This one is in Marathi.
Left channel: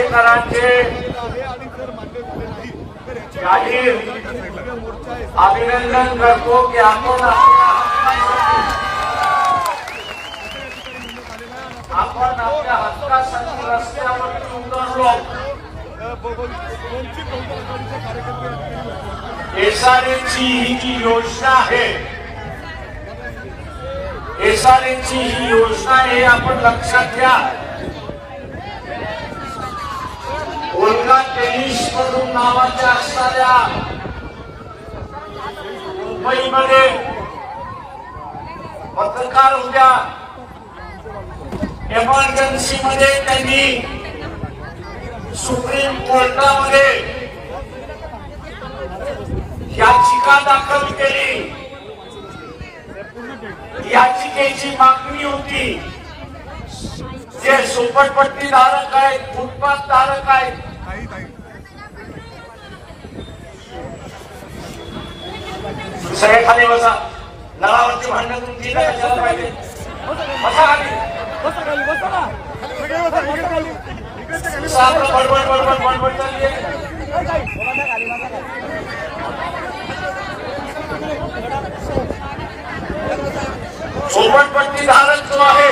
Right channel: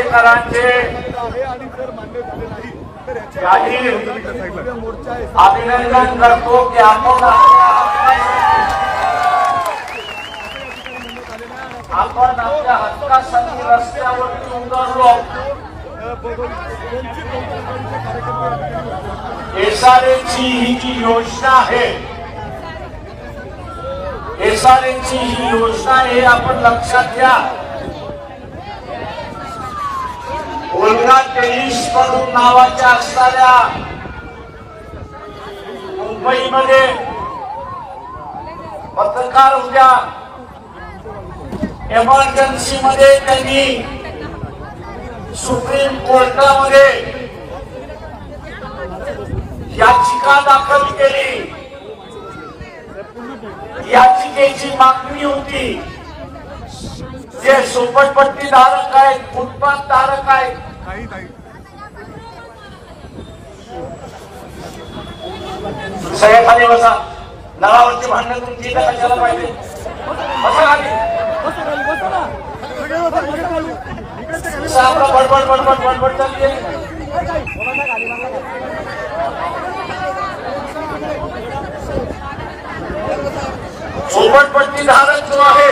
आंबेडकरांचे अभिनंदन करतो की आपण आपण आपल्या हक्कासाठी रस्त्यावरती उतरलो एसआरएची ही जी योजना आहे एसआरएची ही योजना हे आपण लक्षात घ्या. ओल्गा टेनिस करून नावाच्या असणाऱ्या मुंबईमध्ये पत्रकार उद्या एमर्जन्सी मध्ये त्यांनी सुप्रीम कोर्टामध्ये याचिका दाखल केली. याचिकेची मागणी होती. जे झोपडपट्टी धारक आहेत फुटपाथ धारक आहेत काही नाही सगळे खाली बसा नळावरची भांडणं तुमची इथं कशाला पाहिजे. बसा खाली. आपलं बडबड बडबड बडबड चालली आहे. झोपडपट्टी धारक जो आहे.